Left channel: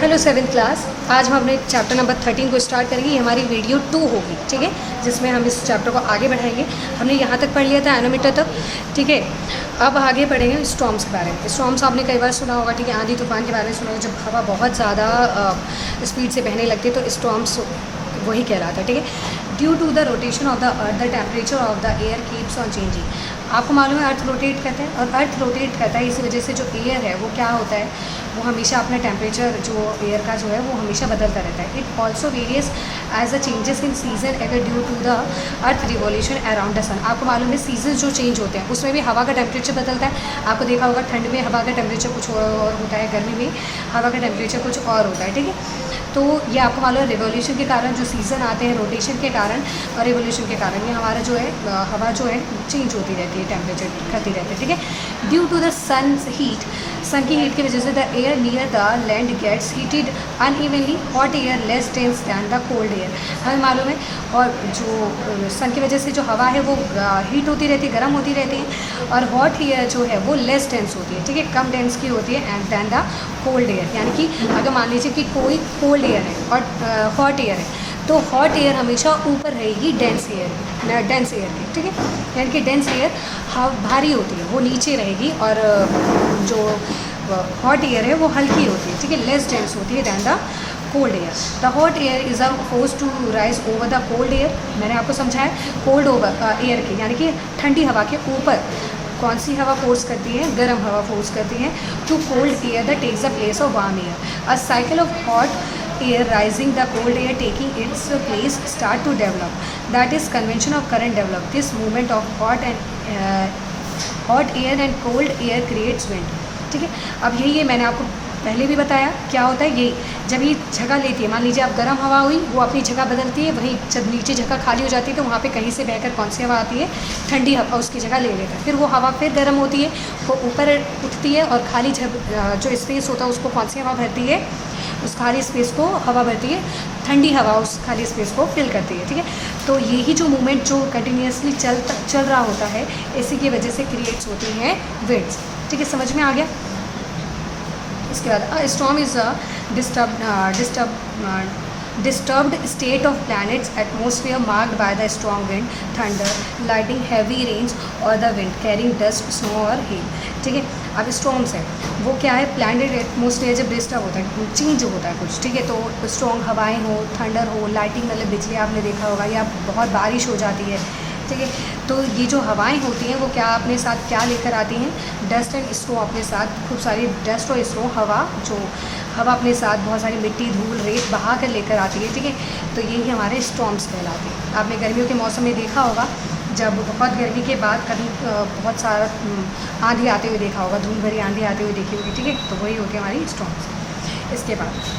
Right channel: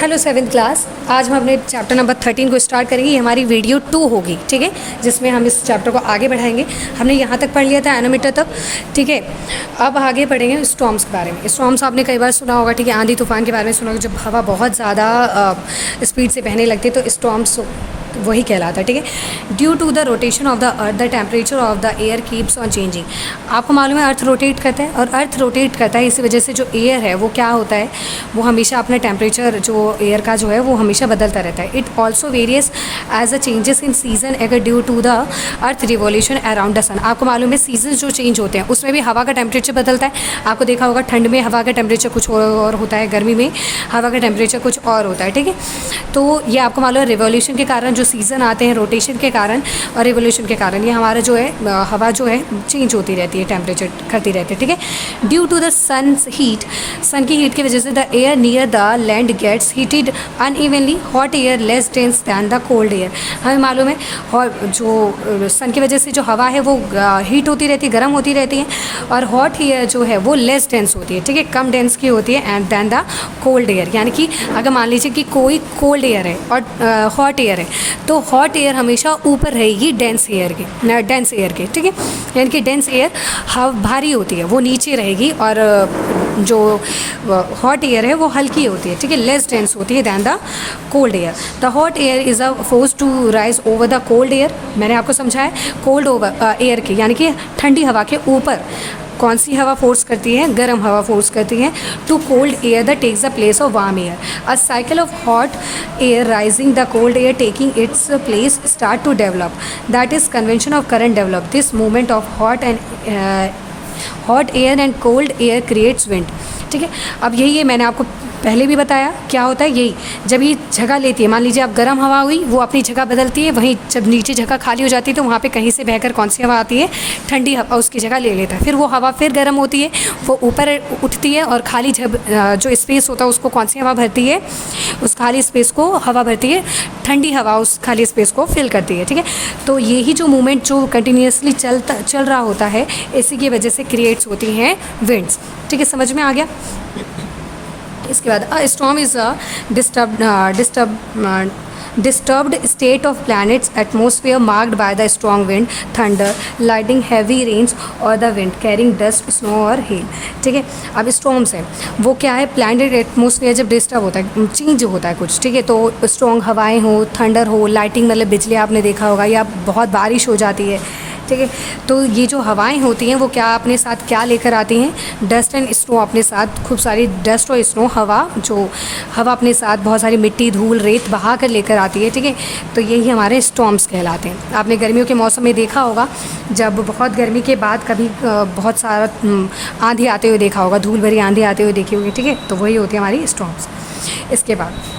Hello 7th class. आज हम अपने चैप्टर नंबर 13 को स्टार्ट करेंगे। ये हमारी वीडियो 2 होगी, ठीक है, जिसमें हम इस चैप्टर को आगे बढ़ाएंगे। हमने यहाँ तक पढ़ लिया था एनोमीटर तक, ठीक है। अब आगे बढ़ेंगे स्टॉर्म्स के बारे में। स्टॉर्म्स आपने कई बार सुना होगा, ठीक है, आंधी तूफान के बारे में सुना होगा। जब हवा बहुत ज़्यादा स्पीड से बहने लगती है तो स्टॉर्म्स वही कहलाता है, ठीक है। Due to the rotation of the earth the temperature of the air keeps on changing. आपको मालूम है अर्थ रोटेट करता है, और अर्थ रोटेट करता है इसी वजह से जो एयर है वो क्या होता है, वो हमेशा अपना टेम्परेचर जो एयर का जो है वो हमेशा बदलता रहता है। It also varies as a changes in season अगर due to the earth revolution around the sun. आपको मालूम है सीजन जो चेंज होते हैं उसमें भी हवा का टेम्परेचर बदलता है। आपको देखा होगा ठंड में हवा का टेम्परेचर कुछ और होता है, गर्मी में हवा का टेम्परेचर कुछ और होता है, ठीक है। तो ये आपको मालूम है रिवोल्यूशन के कारण जो सीज़न आते हैं, रोटेशन के कारण और रिवोल्यूशन के कारण ये हमारा जो है हवा जो है चेंज होती रहती है, टेम्परेचर करती रहती है, ठीक है। Due to the sun's heat, sun की हीट की वजह से the air near the land gets heated unevenly, hot air less dense than the cold air. हमें मालूम है और जो सन की वजह से जो हवा है वो हीट होती रहती है, गर्म होती रहती है, और हॉट एयर जो है वो लेस डेंस होती है, ठीक है, कम डेंस की होती है and than the cold air. यानी कि अगर मान लीजिए कि कोई कोल्ड एयर है और हॉट एयर है तो हॉट एयर हमेशा ऊपर रहेगी डेंस एयर के, ठीक है। यानी कि डेंस एयर भारी होती है, वो नीचे रहेगी, और जो हॉट एयर है वो हल्की होती है, ठीक है, लेस डेंस होती है than the cold air. The hot air is a force to rise over the cold air. मैंने आपको समझाया कोल्ड ओवर एयर के, यानी कि ठंडी हवा के ऊपर कौन सी हवा फोर्स करती है, गर्म हवा फोर्स करती है। To cold air the takes the place of warm air. A cycle of hot air rising the cold air taking its place start to develop, that is convention of current develop. This movement of hot air and cold air creates wind, ठीक है। अब यही है, मैंने आपको पहले भी बताया क्या होता है। यही जब ये जगह लेती है, मान लीजिए आप गर्म हवा हुई, वो अपनी जगह बदलती है, वहीं जब नीचे जगह खाली हो जाती है तो वहाँ पे कहीं से बहकर कौन सी हवा आती है, ठंडी हवा उसकी जगह ले लेता है। फिर वो हवा फिर गर्म होती है, वो ऊपर उठती है, और खाली जो स्पेस होता है उसको कौन सी हवा भरती है, उस खाली स्पेस को हवा भरती है, ठंडी हवा उस खाली स्पेस को फिल करती है, ठीक है। तो यही जो मूवमेंट जो कंटिन्यूसली चल रहा होता है, इसी की वजह से क्रिएट्स होती हैं विंड्स, ठीक है। समझ में आ गया। इसके बाद अ storm is a disturbed state of planet's atmosphere marked by the strong wind, thunder, lightning, heavy rains or the wind carrying dust, snow और hail, ठीक है। अब स्टॉर्म्स है वो क्या है, प्लानट एटमोसफेयर जब डिस्टर्ब होता है, चेंज होता है कुछ, ठीक है, तो स्ट्रॉन्ग हवाएं हो, थंडर हो, लाइटिंग मतलब बिजली आपने देखा होगा, या बहुत बारिश हो जाती है, ठीक है। तो ये जो हवाएं होती हैं वो क्या अपने साथ क्या लेकर आती हैं, डस्ट एंड स्नो अपने साथ, खूब सारी डस्ट और स्नो हवा अपने साथ बहुत सारी मिट्टी, धूल, रेत बहा कर लेकर आती है, ठीक है। तो यही हमारे स्टॉर्म्स कहलाते हैं। आपने गर्मियों के मौसम में देखा होगा, जब बहुत गर्मी के बाद कभी बहुत सारा आंधी आते हुए देखा होगा, धूल भरी आंधी आते हुए देखी होगी, ठीक है। तो वही होती है हमारी स्टॉर्म्स। इसके बाद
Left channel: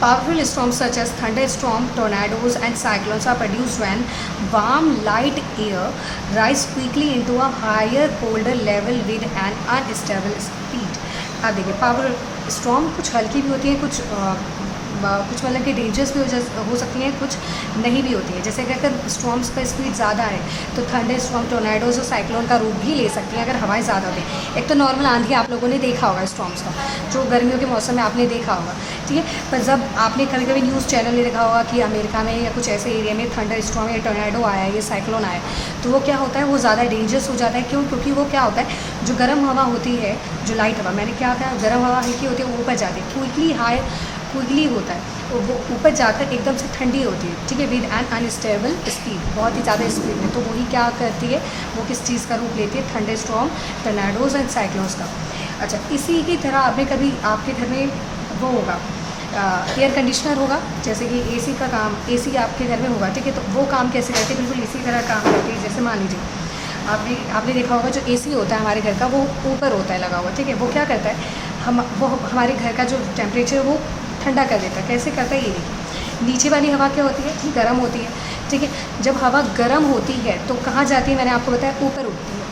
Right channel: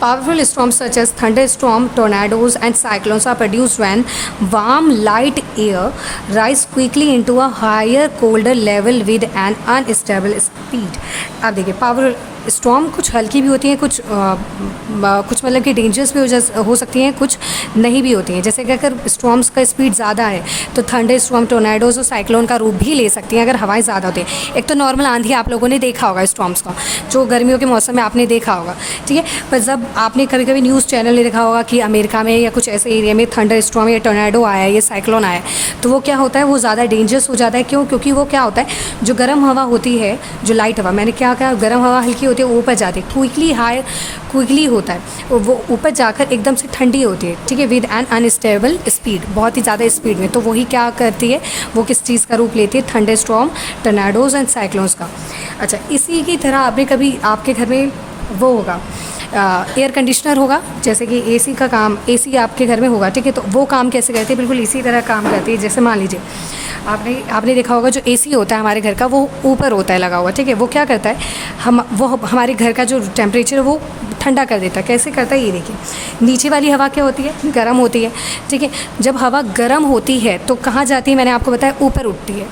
powerful storms such as thunderstorm, tornadoes and cyclones are produced when warm light air rise quickly into a higher colder level with an unstable speed। अब देखिए पावर स्टॉर्म कुछ हल्की भी होती हैं, कुछ मतलब कि डेंजरस भी हो सकती हैं, कुछ नहीं भी होती हैं। जैसे कि अगर स्टॉर्म्स का स्पीड ज़्यादा है तो थंडर स्टॉर्म, टोर्नाडोज और साइक्लोन का रूप भी ले सकती हैं अगर हवाएं ज़्यादा होती हैं। एक तो नॉर्मल आंधी आप लोगों ने देखा होगा स्टॉर्म्स का, जो गर्मियों के मौसम में आपने देखा होगा, ठीक है। पर जब आपने कभी कभी न्यूज़ चैनल में देखा होगा कि अमेरिका में या कुछ ऐसे एरिया में थंडर स्टॉर्म या टोर्नाडो आया है, ये साइक्लोन आया है, तो वो क्या होता है, वो ज़्यादा डेंजरस हो जाता है। क्यों? क्योंकि वो क्या होता है, जो गर्म हवा होती है, जो लाइट हवा, मैंने क्या कहा, गर्म हवा हल्की होती है, ऊपर जाती है, क्विकली होता है, वो ऊपर जाकर एकदम से ठंडी होती है, ठीक है, विद एन अनस्टेबल स्पीड, बहुत ही ज़्यादा स्पीड में। तो वही क्या करती है, वो किस चीज़ का रूप लेती है, thunder storm, tornadoes and cyclones का। अच्छा, इसी की तरह अभी कभी आपके घर में वो होगा, एयर कंडीशनर होगा, जैसे कि एसी का काम, एसी आपके घर में होगा, ठीक है। तो वो काम कैसे करती है, बिल्कुल इसी तरह काम करती है। जैसे मान लीजिए आपने देखा होगा जो एसी होता है हमारे घर का, वो ऊपर होता है लगा हुआ, ठीक है। वो क्या करता है, वो हमारे घर का जो टेम्परेचर है वो ठंडा कर देता है। कैसे करता है, ये देखिए, नीचे वाली हवा क्या होती है, गर्म होती है, ठीक है। जब हवा गर्म होती है तो कहाँ जाती है, मैंने आपको बताया ऊपर उठती है,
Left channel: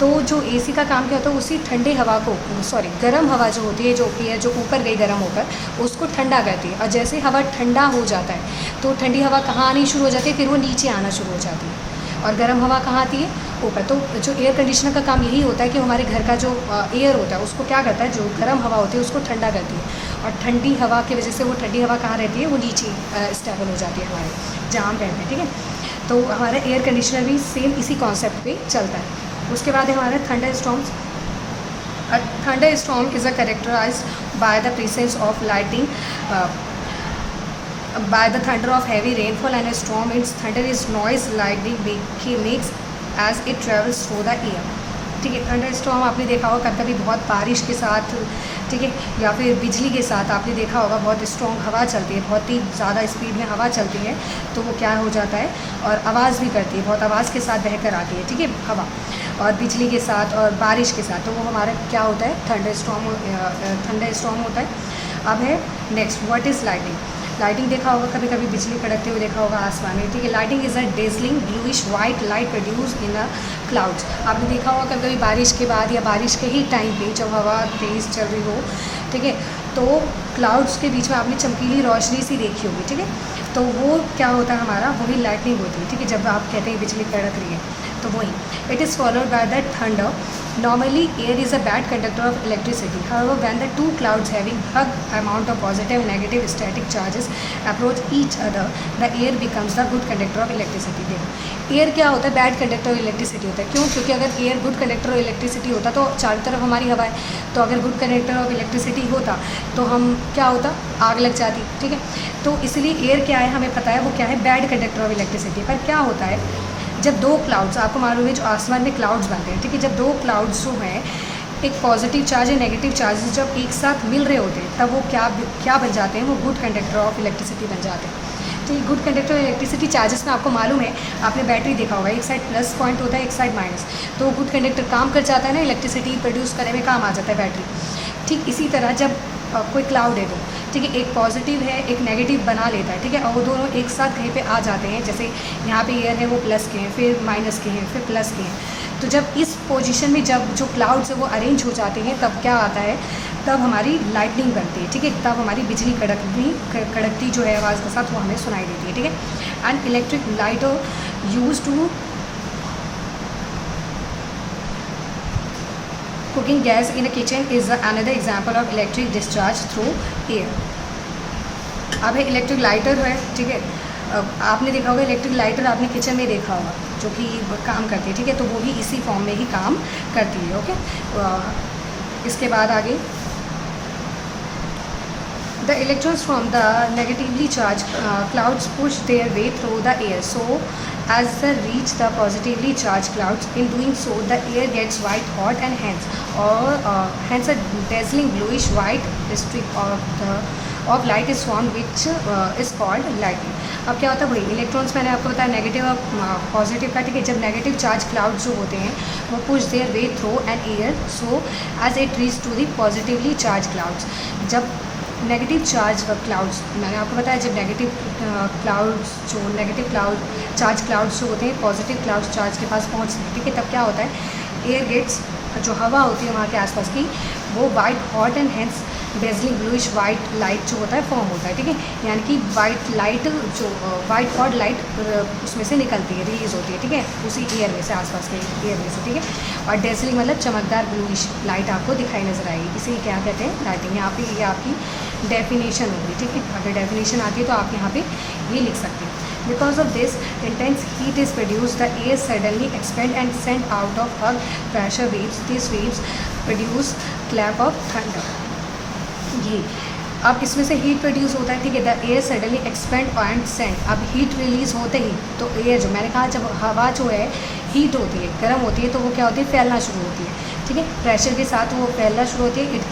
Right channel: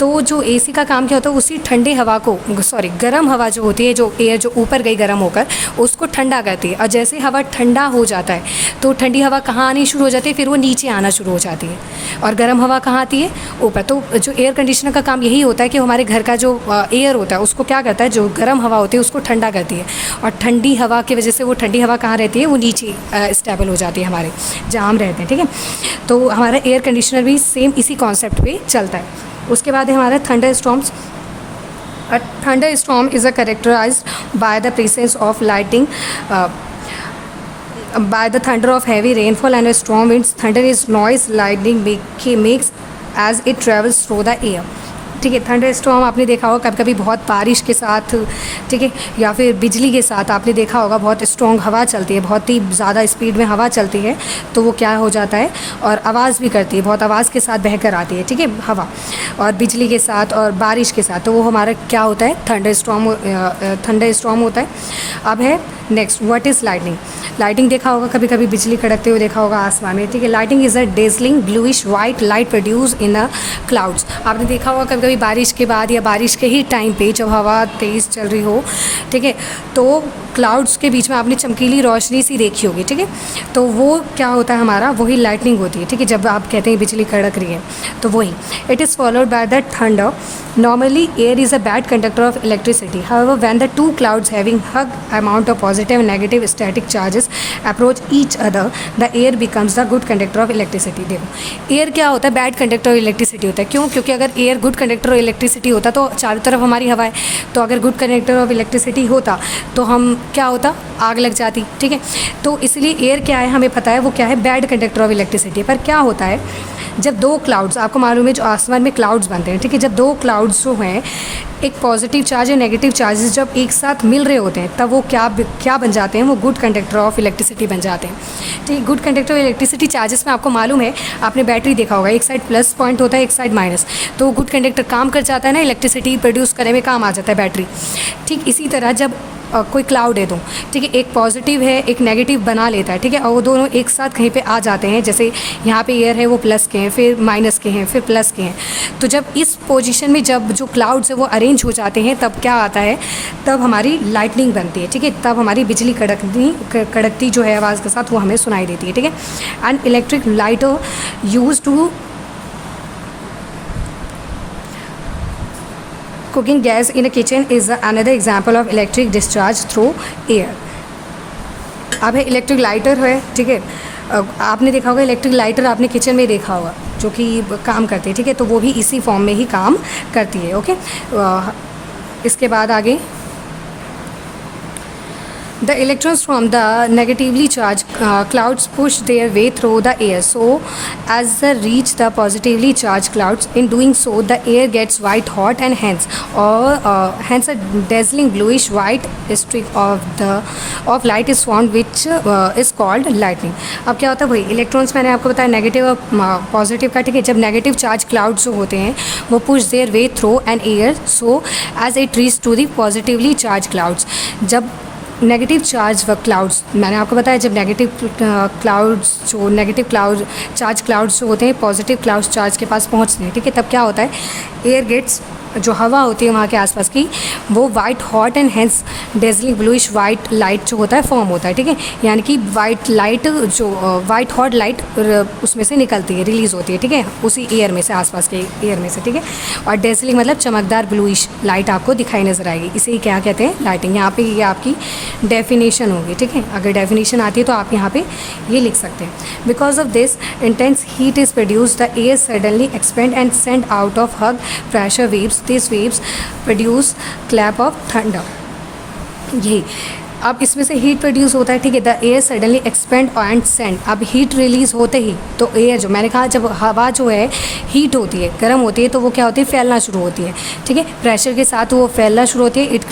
तो जो एसी का काम क्या होता है, उसी ठंडे हवा को, सॉरी गर्म हवा जो होती है, जो एयर जो ऊपर गई गर्म होकर, उसको ठंडा करती है। और जैसे हवा ठंडा हो जाता है तो ठंडी हवा कहाँ आनी शुरू हो जाती है, फिर वो नीचे आना शुरू हो जाती है। और गर्म हवा कहाँ आती है, ऊपर। तो जो एयर कंडीशनर का काम यही होता है कि हमारे घर का जो एयर होता है उसको क्या करता है, जो गर्म हवा होती है उसको ठंडा करती है। और ठंडी हवा की वजह से वो ठंडी हवा कहाँ रहती है, वो नीचे स्टेबल हो जाती है हमारे, जहाँ हम रहते हैं, ठीक है। तो हमारा एयर कंडीशनर भी सेम इसी कॉन्सेप्ट पे चलता है। उसके बाद है हमारा thunder storms. A thunderstorm is characterized by the presence of lightning, by the thunder of heavy rainfall and a strong winds. Thunder is noise lightning makes as it travels through the air. ठीक है। Thunder storm आपने देखा होगा कभी कभी बहुत बारिश के साथ, ठीक है, या फिर बिजली के साथ आपने देखा होगा बहुत स्ट्रॉन्ग हवा चलती है, बहुत ही ज़्यादा स्पीड में हवा चलती है, तो वो क्या हो जाता है, और आवाज़ भी करती है, बहुत आवाज़ के साथ बहकर आती है, ठीक है, हवा, और बिजली के साथ और बारिश के साथ, तो वो हमारा क्या होता है, थंडर स्टॉर्म होता है। अब है next, what is lightning. Lighting देखा होगा कभी कभी बिजली कड़कते हुए देखा होगा आसमान में, ठीक है। Lighting is a dazzling bluish white light produce in a clouds. आपने देखा होगा कभी कभी बारिश के बाद या बारिश के ही टाइम पे जब हवा तेज़ चल रही हो, ठीक है, तो क्लाउड्स के बीच में आपने चमकीली रोशनी सी देखी होगी, ठीक है। तो वो क्या होता है हमारा, वही लाइटनिंग होती है, ठीक है। जब आप कहते हैं बिजली कड़क रही है तो वही। It is followed by the thunder. Normally, air is a bad conductor of electricity. However, when the two clouds having hug amount of positive and negative static charges approach each other, the air becomes the good conductor of electricity. देखो, air क्या होता है, bad conductor of electricity होता है। क्यों? क्योंकि अगर air good conductor of electricity होता तो चारों तरफ हमारी हवा है, तो अगर गुड कंडक्टर ऑफ इलेक्ट्रिसिटी होता तो हम क्या होता, आग लग जाती, ठीक है। तो इसलिए एयर क्या है, हमें पता है वो क्या है, बैड कंडक्टर ऑफ इलेक्ट्रिसिटी। पर क्या होता है, जब दो क्लाउड्स, आपको मालूम है जो आसमान में क्लाउड्स बनते हैं, ठीक है, जब दो क्लाउड्स जो हैं, एक पॉजिटिव चार्ज और नेगेटिव चार्जेस जब एक साथ मिल रहे होते हैं, तब वो क्या बन जाते हैं, वो गुड कंडक्टर ऑफ इलेक्ट्रिसिटी बन जाते हैं, ठीक। Good conductor of electricity charges में आपको मालूम है, आपने बैटरी देखा होगा, एक साइड प्लस पॉइंट होता है, एक साइड माइनस, तो गुड कंडक्टर काम कर जाता है ना, इलेक्ट्रिसिटी प्रोड्यूस करने में काम आ जाता है बैटरी। ठीक इसी तरह जब कोई क्लाउड है तो, ठीक है, एक पॉजिटिव है एक नेगेटिव बना लेता है, ठीक है, और वो दोनों एक साथ कहीं पे आ जाते हैं, जैसे यहाँ पे एयर है वो प्लस के हैं, फिर माइनस के हैं, फिर प्लस के हैं, तो जब इस पोजीशन में जब जो क्लाउड्स है वो अरेंज हो जाते हैं, तब क्या आता है, तब हमारी लाइटनिंग बनती है, ठीक है, तब हमारी बिजली कड़कती जो है आवाज़ के साथ वो हमें सुनाई देती है, ठीक है। And electric light use to cooking gas in a kitchen is another example of electric discharge through air. अब है इलेक्ट्रिक लाइटर है, ठीक है, आपने देखा होगा इलेक्ट्रिक लाइटर आपने किचन में देखा होगा जो कि काम करती है, ठीक है, तो वो भी इसी फॉर्म में ही काम करती है, ओके। इसके बाद आगे, the electrons from the negatively charged clouds push their way through the air, so as they reach the positively charged clouds, in doing so the air gets white hot and hence a dazzling bluish white streak of light is formed, which is called lightning. अब क्या होता है, वही electrons मैंने आपको बताया negative और positive का, ठीक है। जब नेगेटिव चार्ज क्लाउड्स जो होते हैं वो push their way through an air, so as it reach to the positively charged clouds. जब नेगेटिव चार्ज व क्लाउड्स, मैंने आपको बताया जब नेगेटिव चार्ज क्लाउड्स जो होते हैं पॉजिटिव क्लाउड्स चार्ज के पास पहुंचते हैं, ठीक है, तब क्या होता है, एयर गेट्स, जो हवा होती है वहाँ के आसपास की, वो white hot and hence dazzling bluish white light जो होता है फॉर्म होता है, ठीक है। यानी कि वाइट लाइट जो वाइट हॉट लाइट उसमें से निकलती है, रिलीज़ होती है, ठीक है, उसी एयर में से, आसपास के एयर में से, ठीक है। और डेजलिंग मतलब चमकदार ब्लूइश लाइट आपको दिखाई नजर आएगी, इसे ही क्या कहते हैं, लाइटिंग। यहाँ पे ये आपकी डेफिनेशन होगी, ठीक है, अगर डेफिनेशन आती है तो आप यहाँ पे ये लिख सकते हैं। Because of this intense heat is produce, the air suddenly expand and send out of hug pressure waves, these waves produce clap of thunder. यही अब इसमें से हीट प्रोड्यूस होता है, ठीक है, the air suddenly expand and send. अब heat release होते ही तो एयर जो मैंने कहा, जब हवा जो है हीट होती है, गर्म होती है, तो वो क्या होती है, फैलना शुरू होती है, ठीक है, प्रेशर के साथ वो फैलना शुरू होती है, it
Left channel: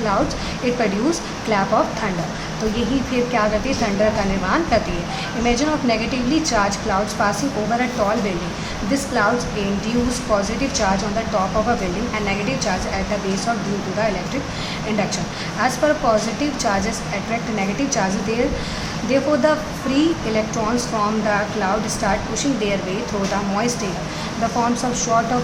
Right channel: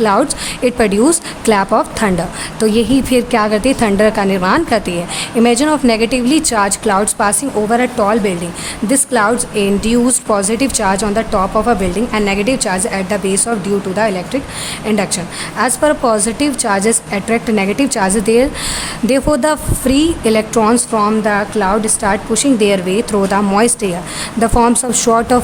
produce clap of thunder. तो यही फिर क्या करती है, थंडर का निर्माण करती है। Imagine of negatively charge clouds passing over a tall building, this clouds induce positive charge on the top of a building and negative charge at the base of due to the electric induction. As per positive charges attract negative charges, therefore the free electrons from the cloud start pushing their way through the moist air, the forms of short of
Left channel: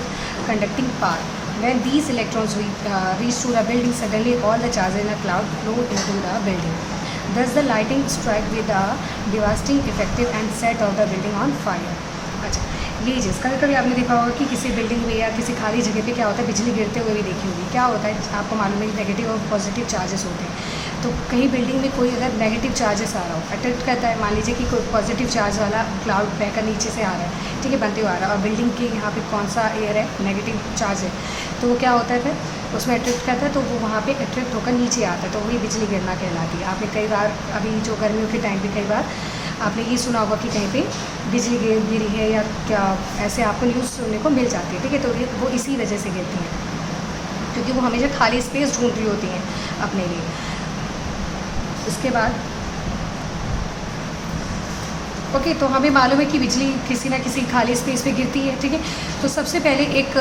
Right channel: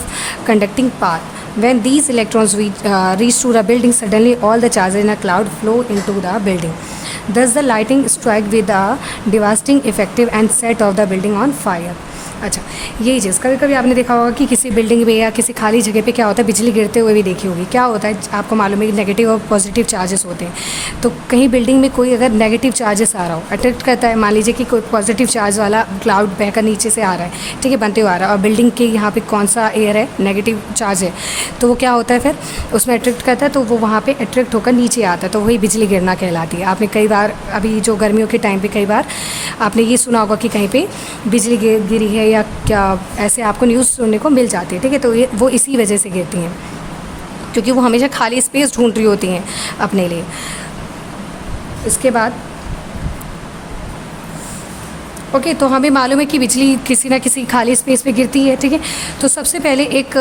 conducting path. When these electrons reach to the building, suddenly all the charges in a cloud flow into the building. Thus the lightning strike with a devastating effect and set off the building on fire. अच्छा, यही चीज़ कभी कभी आपने देखा होगा कि किसी building में या किसी खाली जगह पे क्या होता है, बिजली गिरते हुए भी देखी होगी। क्या होता है आपको मालूम है कि नेगेटिव और पॉजिटिव चार्जेस होते हैं। तो कहीं बिल्डिंग में कोई अगर नेगेटिव चार्जेस आ रहा हो, अट्रैक्ट करता है, मान लीजिए कि कोई पॉजिटिव चार्ज वाला क्लाउड बहकर नीचे से आ रहा है, ठीक है, बनते हुए आ रहा है, और बिल्डिंग के यहाँ पे कौन सा एयर है, नेगेटिव चार्ज है, तो वो क्या होता है फिर उसमें अट्रैक्ट करता है, तो वो वहाँ पे अट्रैक्ट होकर नीचे आता है, तो वही बिजली गिरना कहलाती है। आपने कई बार अभी जो गर्मियों के टाइम पे कई बार आपने ये सुना होगा कि कहीं पे बिजली गिरी है या क्या, ऐसे आपको न्यूज़ सुनने को मिल जाती है, ठीक है। तो ये वो इसी वजह से गिरती हैं, क्योंकि वो हमेशा खाली स्पेस ढूंढ रही होती हैं अपने लिए। इसके बाद ओके, तो हमें मालूम है कि बिजली किसी ना किसी खाली स्पेस पे गिरती है, ठीक है। तो सबसे पहले एक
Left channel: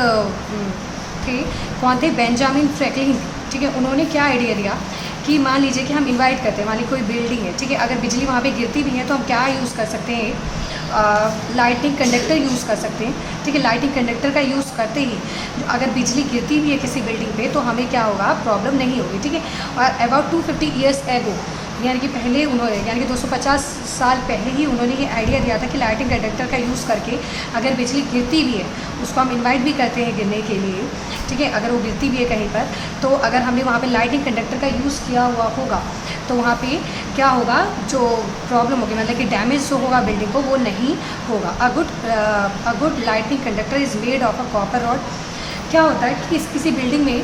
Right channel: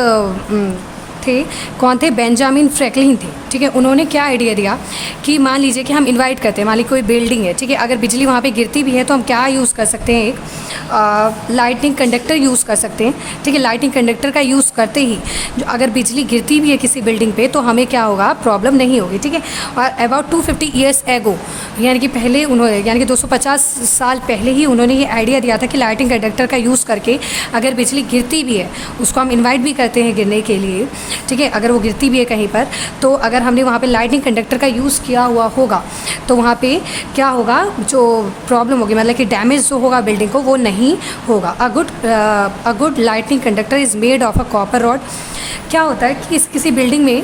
थे, कौन थे, बेंजामिन फ्रैंकलिन थे, ठीक है। उन्होंने क्या आइडिया दिया कि मान लीजिए कि हम इनवाइट करते हैं, मान लीजिए कोई बिल्डिंग है, ठीक है, अगर बिजली वहाँ पे गिरती भी है तो हम क्या यूज़ कर सकते हैं, एक लाइटिंग कंडक्टर यूज़ कर सकते हैं, ठीक है। लाइटिंग कंडक्टर का यूज़ करते ही जो अगर बिजली गिरती भी है किसी बिल्डिंग पे तो हमें क्या होगा, प्रॉब्लम नहीं होगी, ठीक है। और अबाउट 250 ईयर्स एगो, यानी कि पहले उन्होंने, यानी कि 250 साल पहले ही उन्होंने ये आइडिया दिया था कि लाइटिंग कंडक्टर का यूज़ करके अगर बिजली गिरती भी है, उसको हम इन्वाइट भी करते हैं गिरने के लिए, ठीक है, अगर वो गिरती भी है कहीं पर, तो अगर हमने वहाँ पे लाइटिंग कंडक्टर का यूज़ किया हुआ होगा तो वहाँ पे क्या होगा, जो प्रॉब्लम होगी, मतलब कि डैमेज जो होगा बिल्डिंग को, वो नहीं होगा। A good lighting conductor is made of a copper rod. क्या होता है कि किसी बिल्डिंग में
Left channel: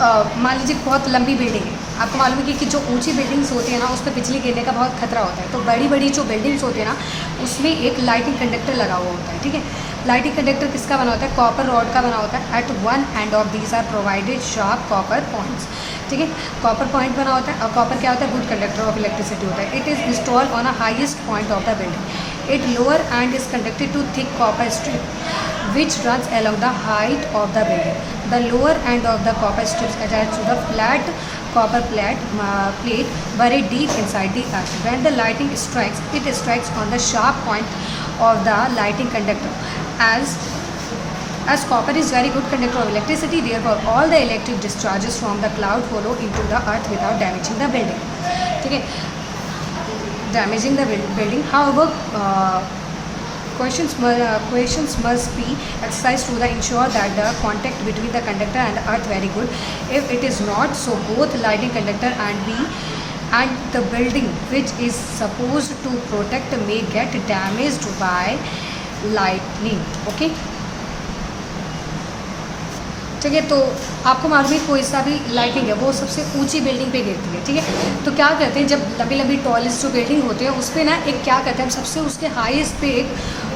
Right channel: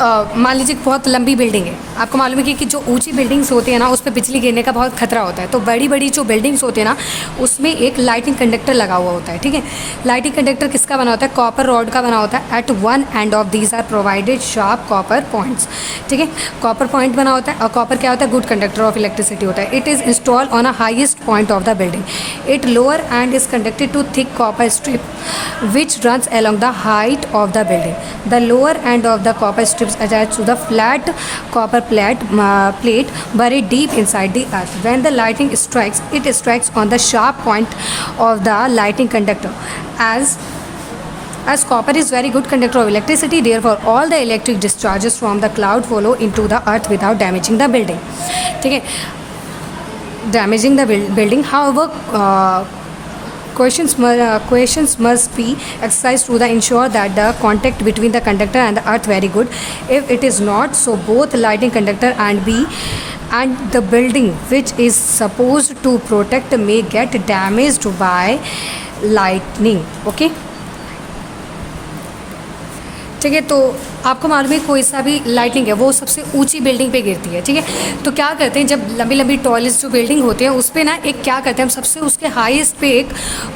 मान लीजिए बहुत लंबी बिल्डिंग है, आपको मालूम है कि जो ऊंची बिल्डिंग्स होती हैं ना, उस पर बिजली गिरने का बहुत खतरा होता है। तो बड़ी बड़ी जो बिल्डिंग्स होती है ना, उसमें एक लाइटिंग कंडक्टर लगा हुआ होता है, ठीक है। लाइटिंग कंडक्टर किसका बना होता है, कॉपर रॉड का बना होता है। At one end of these are provided sharp copper points, ठीक है। कॉपर पॉइंट बना होता है, और कॉपर क्या होता है, गुड कंडक्टर ऑफ इलेक्ट्रिसिटी होता है। It is install on a highest point of the building. It lower end is connected to thick copper strip which runs along the height of the building. The lower end of the copper strips attached to the flat copper plate buried deep inside the earth. When the lightning strikes, it strikes on the sharp point of the lighting conductor. As copper is very good conductor of electricity, therefore all the electric discharges from the cloud follow into the earth without damaging the building. ठीक है, damaging the building. However, questions must be exercised to ensure that the contact between the conductor and the earth very good. If it is not so, both lighting conductor and the building which is supposed to protect may get damaged by lightning. Okay, ठीक है। तो आपको मालूम है कोई सा भी lighting है वो सबसे ऊंची बिल्डिंग पे गिरती है, ठीक है। तो क्या करते हैं, जब लंबी लंबी टॉलेस्ट जो बिल्डिंग होती है उस पर ना एक क्या करते हैं, हम सबसे उसके हाईएस्ट पे एक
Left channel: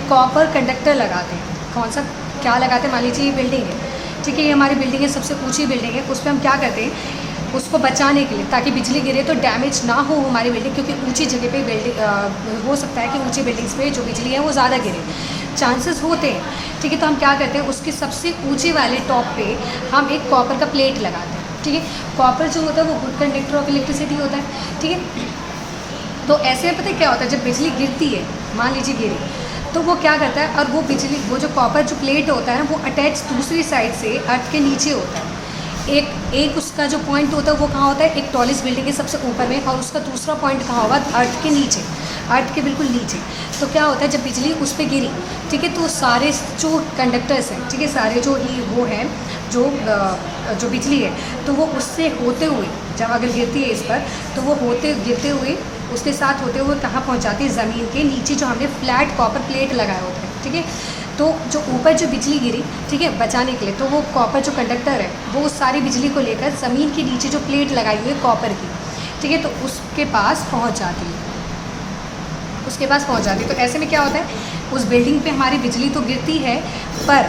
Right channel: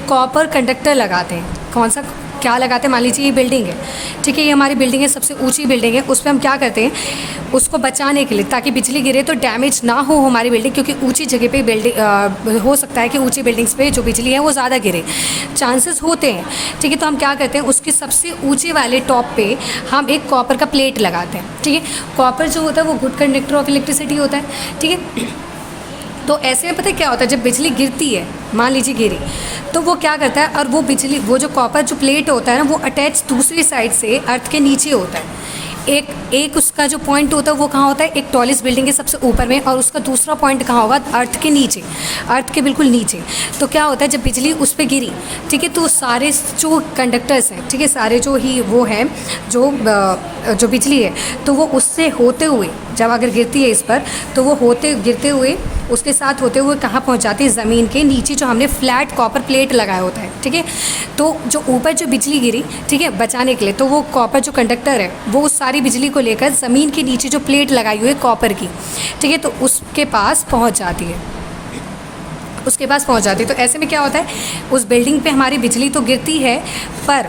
कॉपर कंडक्टर लगाते हैं। कौन सा, क्या लगाते हैं, मान लीजिए ये बिल्डिंग है, ठीक है, ये हमारी बिल्डिंग है, सबसे ऊंची बिल्डिंग है, उस पर हम क्या करते हैं, उसको बचाने के लिए, ताकि बिजली गिरे तो डैमेज ना हो हमारी बिल्डिंग, क्योंकि ऊंची जगह पे बिल्डिंग हो सकता है कि ऊंची बिल्डिंग्स पे जो बिजली है वो ज़्यादा गिरे, चांसेस होते हैं, ठीक है। तो हम क्या करते हैं, उसके सबसे ऊंचे वाले टॉप पे हम एक कॉपर का प्लेट लगाते हैं, ठीक है। कॉपर जो होता है वो गुड कंडक्टर ऑफ इलेक्ट्रिसिटी होता है, ठीक है। तो ऐसे में पता है क्या होता है, जब बिजली गिरती है, मान लीजिए गिरी, तो वो क्या करता है, और वो बिजली, वो जो कॉपर जो प्लेट होता है ना, वो अटैच दूसरी साइड से अर्थ के नीचे होता है। एक उसका जो पॉइंट होता है वो कहाँ होता है, एक टॉलेस्ट बिल्डिंग के सबसे ऊपर में, और उसका दूसरा पॉइंट कहाँ होगा, अर्थ के नीचे, अर्थ के बिल्कुल नीचे। तो क्या होता है, जब बिजली उस पर गिरी, ठीक है, तो सारे जो कंडक्टर्स हैं, ठीक है, सारे जो ही वो हैं, जो बिजली है, तो वो उससे होते हुए, जब अगर गिरती है इस पर, तो वो गिरते हुए उसके साथ होते हुए कहाँ पहुँच जाती है, ज़मीन के नीचे जो हमने फ्लैट कॉपर प्लेट लगाया होता है, ठीक है। तो जो ऊपर जो बिजली गिरी, ठीक है, बचाने के लिए, तो वो कॉपर जो कंडक्टर है वो सारी बिजली को लेकर ज़मीन के नीचे जो प्लेट लगाई हुई है कॉपर की, ठीक है, तो उसके पास पहुँच जाती है, उसके पास पहुँच जाती है। तो ऐसे में क्या होता है, उस बिल्डिंग पे हमारी बिजली तो गिरती है, पर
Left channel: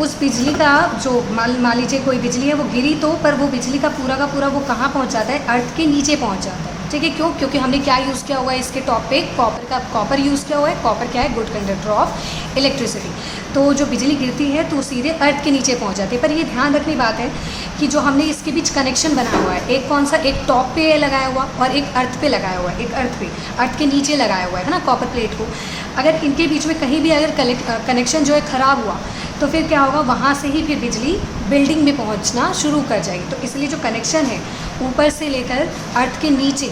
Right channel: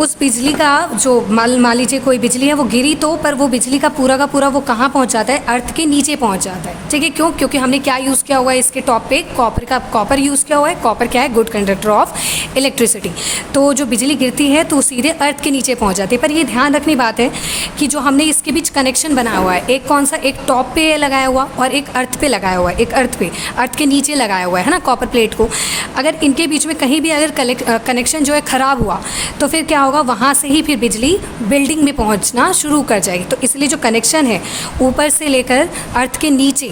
उस बिजली का जो मान लीजिए कोई बिजली है वो गिरी तो, पर वो बिजली का पूरा वो कहाँ पहुँच जाता है, अर्थ के नीचे पहुँच जाता है। ठीक है, क्यों? क्योंकि हमने क्या यूज़ किया हुआ है इसके टॉप पे, कॉपर यूज़ किया हुआ है। कॉपर क्या है? Good conductor of electricity. तो जो बिजली गिरती है तो सीधे अर्थ के नीचे पहुँच जाती है। पर ये ध्यान रखने बात है कि जो हमने इसके बीच कनेक्शन बनाया हुआ है, एक कौन सा, एक टॉप पे लगाया हुआ और एक अर्थ पे लगाया हुआ है, एक अर्थ के नीचे लगाया हुआ है ना कॉपर प्लेट को। अगर इनके बीच में कहीं भी अगर कनेक्शन जो है ख़राब हुआ तो फिर क्या होगा, वहाँ से ही फिर बिजली बिल्डिंग में पहुँचना शुरू कर जाएगी। तो इसलिए जो कनेक्शन है ऊपर से लेकर अर्थ के नीचे,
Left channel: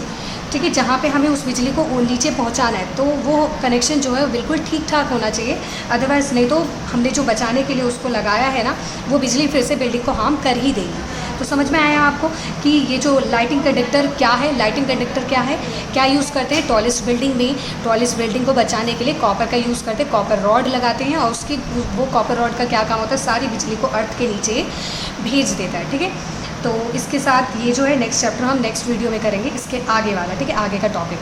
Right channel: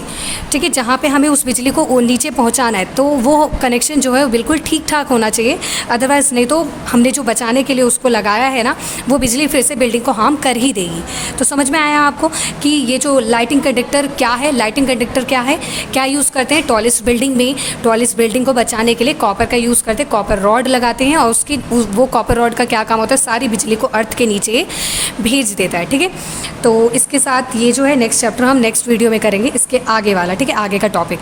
ठीक है, जहाँ पे हमें उस बिजली को नीचे पहुँचाना है, तो वो कनेक्शन जो है बिल्कुल ठीक ठाक होना चाहिए। अदरवाइज़ नहीं तो हमने जो बचाने के लिए उसको लगाया है ना, वो बिजली फिर से बिल्डिंग को हार्म कर ही देगी। तो समझ में आया आपको कि ये जो लाइटिंग कंडक्टर क्या है, लाइटिंग कंडक्टर क्या है, क्या यूज़ करते हैं टॉलेस्ट बिल्डिंग में। टॉलेस्ट बिल्डिंग को बचाने के लिए कॉपर का यूज़ करते हैं, कॉपर रॉड लगाते हैं और वो कॉपर रॉड का क्या काम होता है, सारी बिजली को अर्थ के नीचे भेज देता है। ठीक है, तो इसके साथ ये जो है नेक्स्ट चैप्टर हम नेक्स्ट वीडियो में करेंगे, इसके आगे वाला, ठीक है, आगे का टॉपिक।